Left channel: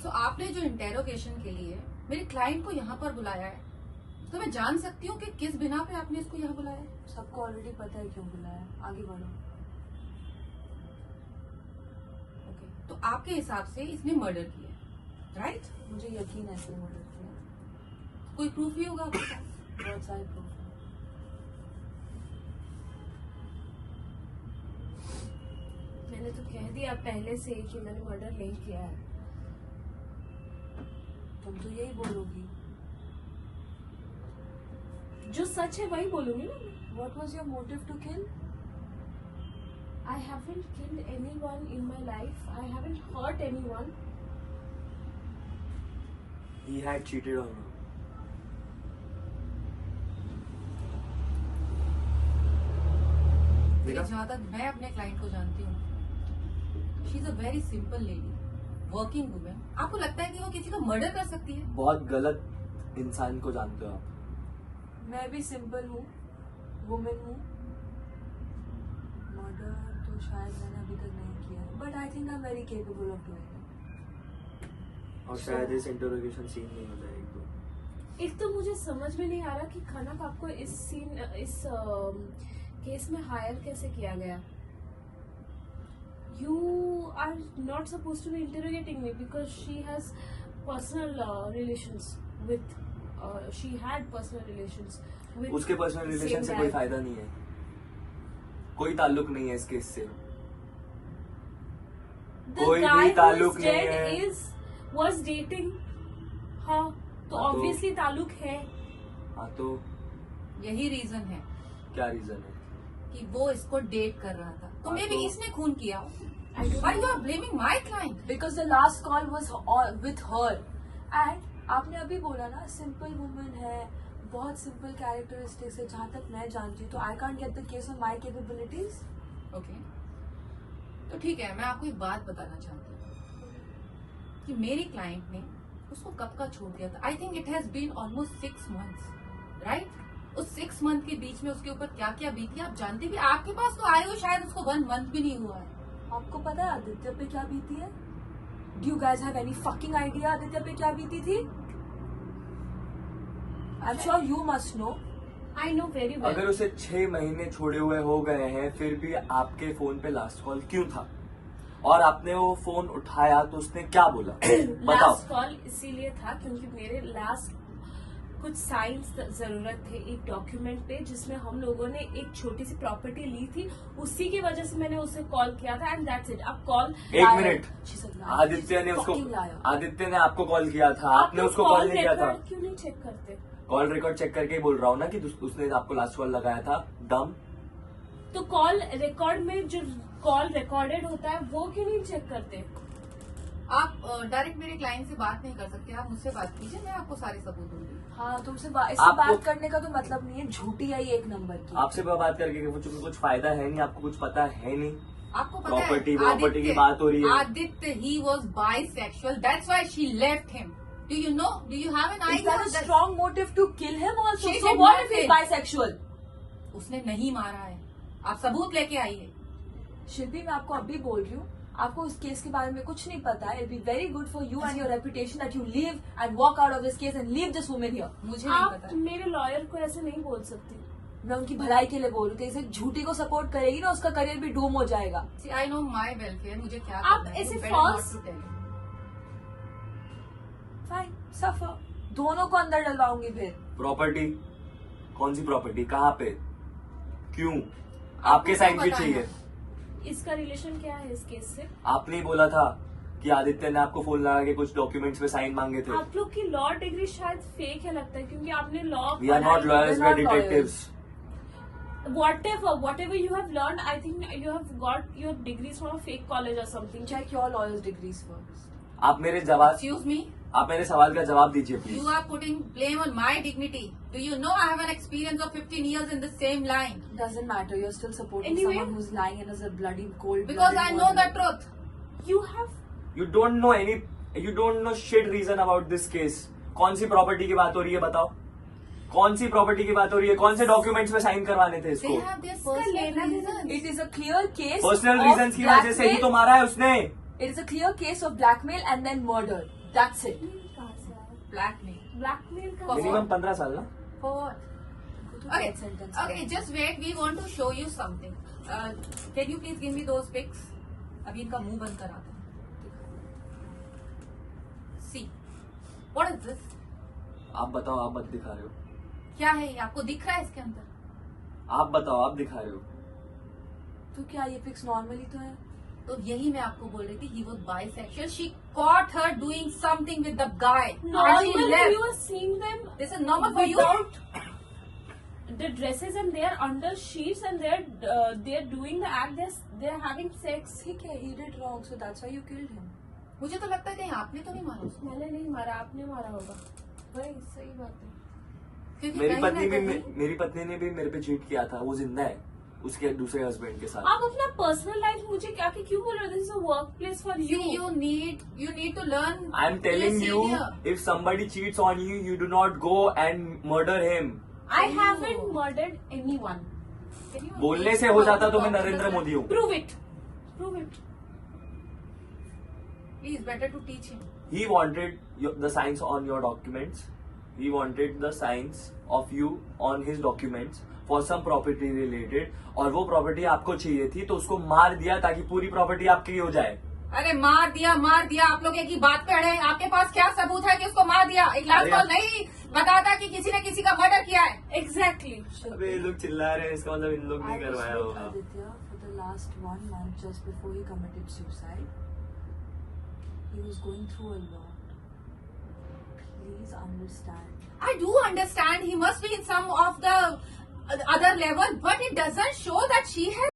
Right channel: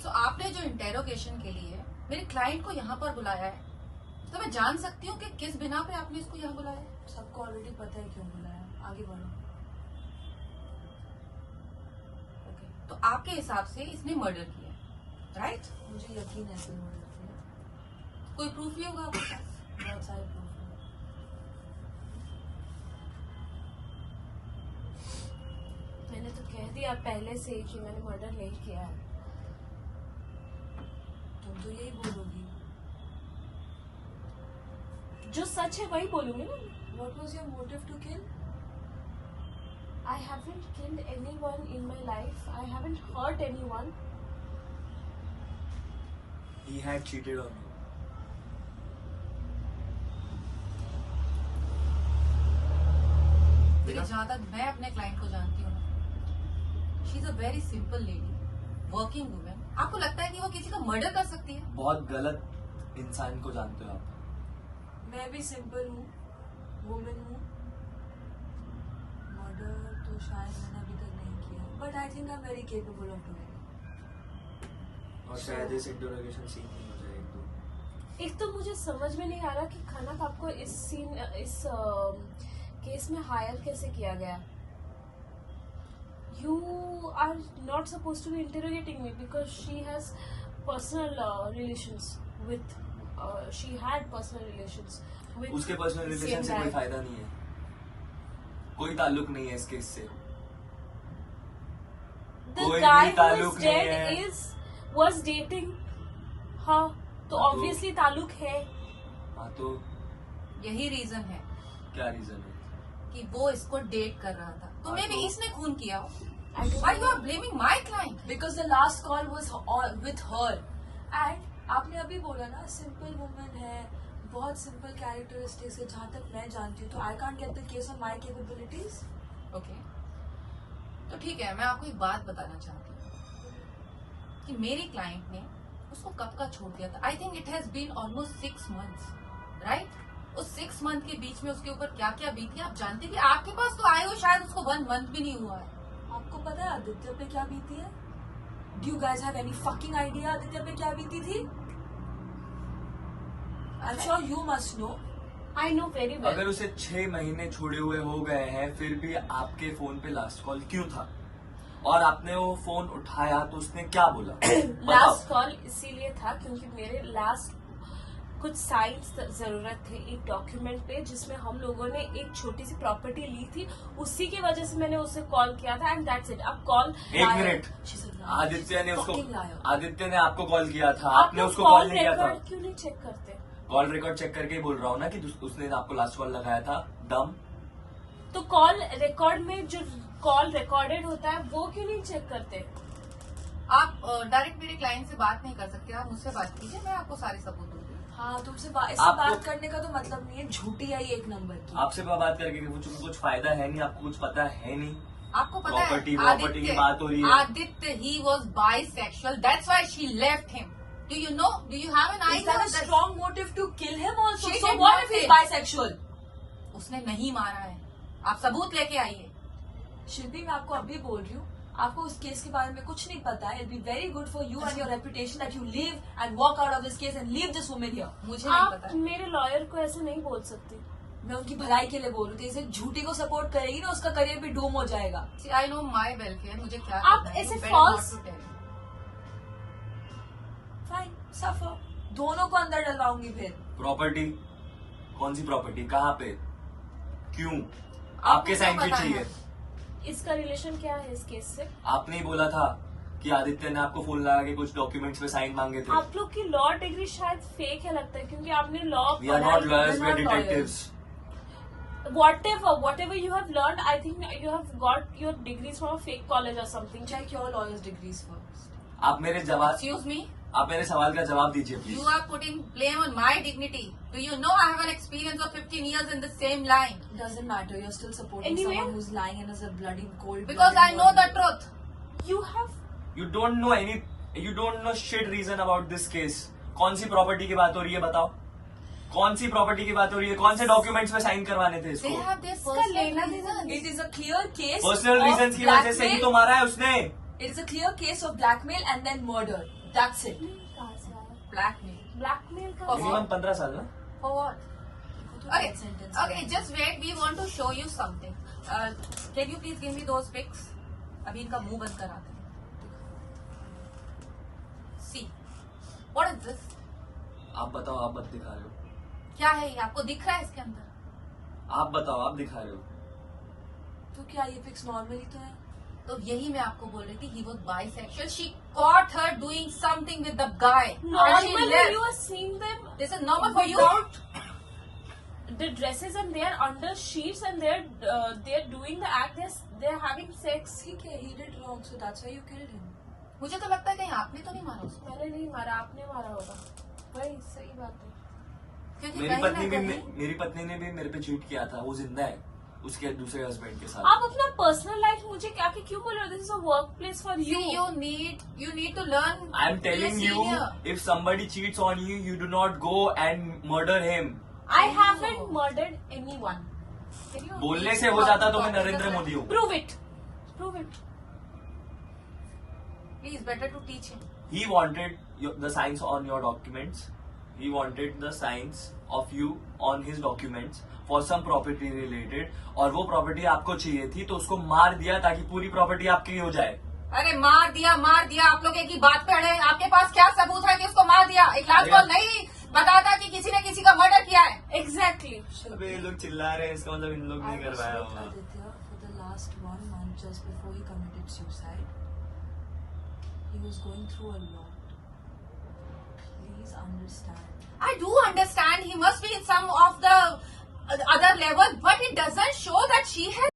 So, आपने जो interrogation के लिए मेरे क्लाइंट को यहाँ पर बुलाया है, तो मैं जान सकती हूँ कि किस बिना पे आपने इसको यहाँ बुलाया है? सबको ऑलरेडी पता है क्यों बुलाया, आगे बढ़ो। ओके, तो आपके हिसाब से इसने मर्डर किया, राइट? मुझे यकीन है इसने मर्डर किया। कोई प्रूफ भी होगा आपके पास? बहुत सारे प्रूफ हैं। मैंने तो कह दिया पहले से ही कि मैंने मर्डर नहीं किया है। तुम तो यही बोलोगी। जो सच है वही बोलूंगी ना। What was your motive to kill? I haven't killed anyone in my life. I haven't hurt anyone. He had cheated on her. देखिए, जहाँ तक मैं अपने क्लाइंट को जानती हूँ, she is a very simple lady, working women. आपको लगता है कि वो किसी को मर्डर कर सकती है? बहुत गलत इंसान को जानते हो आप। मैं भी सिंपल हूँ, वुमेन हूँ। मर्डर तो शायद मैंने अभी तक नहीं किया है, but I think I am very capable of doing it. और शायद इस इंटरोगेशन सीन नहीं हो जाएगा तो। एक तो मुझे समझ में नहीं आ रहा कि खनक आपको इस केस में हायर कैसे किया गया। You are not supposed to be interrogating me because she has personal relations with. She had personal relations with. उसके पर्सनल रिलेशन से कोई फायदा नहीं है, कोई ताल्लुक नहीं है इस केस से। The कोई guy भी who ताल्लुक is नहीं dead है। was dating her, तो हाँ, तो- obviously ताल्लुक है। हाँ तो यही रीजन है क्या रीजन है? कि वो इसको डेट कर रहा था, तो हाँ, मे बी तो- इसने खून किया हो। I don't Why you know. are blaming my client? Because the last call was with her. And आपने अभी बोला ना सिंपल वुमन है, बहुत सिंपल कैरेक्टरिस्टिक्स है जहाँ तक मैं जानती हूँ, तो I can't get the case on my capabilities. Okay, तो ठीक है, मैं आपको एक बात बताना चाहती हूँ कि मेरी क्लाइंट ने उसको कब का छोड़ दिया था। I think it has been almost 6 months, right? उस 6 month के बीच में उसके ऊपर क्या क्या बीती आप जानती थी? आपके पास तो आए हो शायद उसको 1 month भी नहीं हुआ है। आपको पता है आदित्य पे क्या बीती है? Do you guys have any fucking idea Aditya पे क्या बीती थी? I am sure you must know. I know very well. अगर उसे 6 महीने छोड़े हुए हो गए हैं, फिर भी आपके फोन पे लास्ट कॉल क्यों था? और आपने वो फोन उठाया तो उसने क्या बोला? बताओ। लास्ट कॉल इसीलिए था क्योंकि मेरे लास्ट कुछ साइंस जरूरत थे एक डॉक्यूमेंट पे जिसमें हम लोगों ने एक छोटी सी प्रॉपर्टी ली थी, उसी की वजह से मैंने उसे कॉल किया था एंड दैट्स इट। अब कॉल 1 मिनट, आदित्य ने उसको, आदित्य ने आपको कॉल किया था, आपने उसको कॉल नहीं किया था। क्यों नहीं चेक करते? कॉल रिकॉर्ड चेक करके ही बोल रहा हूँ ना कि उसने आपको लास्ट कॉल लगाया था। दम तो कॉल रिकॉर्ड में जो कॉल रिकॉर्डेड होता है वो क्यों नहीं चेक करते? आप डायरेक्ट मेरे क्लाइंट से बात नहीं कर सकते, आप मुझसे बात कीजिए, मैं आपको सारे सबूत दूंगी। हाँ, तुमसे इससे आपको- बात करने का तो मतलब नहीं है, झूठी आई 1 नंबर की। आपसे बात करके कुछ फायदा है नहीं, आपको कुछ पता है नहीं। आपको पता प्रॉपर्टी है प्रॉपर्टी की बात हो रही है। Aditya he was bisexual, that's why she left him. Do you know, do you have an Is idea? that a strong motive to kill him also? She So did what not if he's say- bisexual? उसने नहीं मारा है, आप सबूत लेके आइए। शिल्पी, मैं आपको अभी बोल रही हूँ, आपको इस केस के बारे में कुछ नहीं पता है। It'll be very good for you and your reputation that you leave and walk out of this case and leave this woman here. मुझे नहीं आप पता। मेरे लॉयर को ऐसे नहीं बोल सकते। मैं उनकी भलाई के लिए बोल रही थी, इसे झूठी को सपोर्ट करेगी ना, उसका करियर भी डूम हो जाएगा। आई नो माई वेलफेयर, मुझे क्या आप करना है, ऐसे better false- not to tell you. Fine, सफर, दोनों को अंदर डलवाऊंगी फिर। प्रॉपर्टी कौन सी प्रॉपर्टी, कहाँ पे, क्यों, आपके साइन पता भी है। चाहिए। इसका रिलेशन क्या है इस केस से? आपने ही बोला था कि आदित्य ने आपको फोन लगा के कुछ डॉक्यूमेंट्स पे साइन मांगे थे। आप लोग की लॉ डिग्री शायद फेक है लगता है क्योंकि आपने law we are not lawyers, we are detectives. whatever you have learned, I think you have got your degrees from a fake college or something. Check your lawyer's degrees first. आप मेरे जवाब, Excuse me, आप मेरे सवाल का जवाब दीजिए you please. are putting blame on my dignity. Do you know I have an experience of 15 years in the same line? Doesn't matter, you're still supporting Anyway- someone who's lying and is a bloody cold. Because I know the truth. You have you don't know any, you don't know shit reason about this case. कौन सी property की बात हो रही है बताओ, कौन सी प्रॉपर्टी की बात हो रही है, कौन से डॉक्यूमेंट्स में साइन करवाने थे They इसको? have their इसका personal लेना देना reasons. It is a clear case personal of reason की वजह से ही तो blackmail. मारा है उसने। It is a clear case of blackmail and then murder. That's it. Blackmail. Blackmail का मिनिमम 15 साल ना. For what? Okay, okay, just wait. We want to show you something. Can you please give me those pics? अभी इनका मुंह बंद करा दे. See, what is this? आप बताओ, आप मत दिखा रहे हो. क्या है ये? आपको दिख रहा है इसके अंदर? आप बताओ, आप दिखा रहे हो. तो क्या ये पिक्स नॉर्मली तो है? तो यही मैं आपको बोल रही थी. He was bisexual. She caught her doing something with the guy. And she Normally left. you are seeing them This is normal for you. the dresses and they're under sheets and they're doing the act, they're having sex. ठीक है, he did wrong, so that's why you killed him. मुझे तो लगता है कहीं आपने तो नहीं मारा उसको. मैंने नहीं मारा, आपने मारा होगा. वही सही बात है. क्योंकि मेरी कहीं ना पत्नी भी कहीं- मेरी पत्नी ने भी मेरे पे चीट किया था. वो जिंदा है उसके दूसरे हस्बैंड के साथ. आप अपना पर्सनल लाइफ मुझे क्या कि क्यों बोल रहे हो? This is a work place for See, you. you need to learn. I'm telling Be a you, senior. if somebody cheats on you, you do not go and murder him. I haven't murdered anyone. बोलने से हो जाता तो मैं नरेंद्र मोदी हूँ. Prove it. Prove it. Please, better to teach him. He wanted the signs on your documents. He wanted the signs of you on his documents for some property related. और वो property आपको चाहिए थी तो उसको मार दिया ताकि पूरी प्रॉपर्टी आपकी हो जाए. अरे मार दिया. आप लोग एक ही बात कर रहे हैं. आपके पास क्या सबूत है कि उसको मार दिया? एक लाश अरे- को नहीं बताता कि किसी ने किसी का मर्डर किया है. Exactly. अबे ये लोग चिल्ला रहे हैं, इसका मतलब इन लोग I नहीं was करवाया with होगा. Aditya for the last 1 month just before he committed suicide. He was going through a lot. Please understand. I do understand he must be in some of the other level, but it doesn't show that she has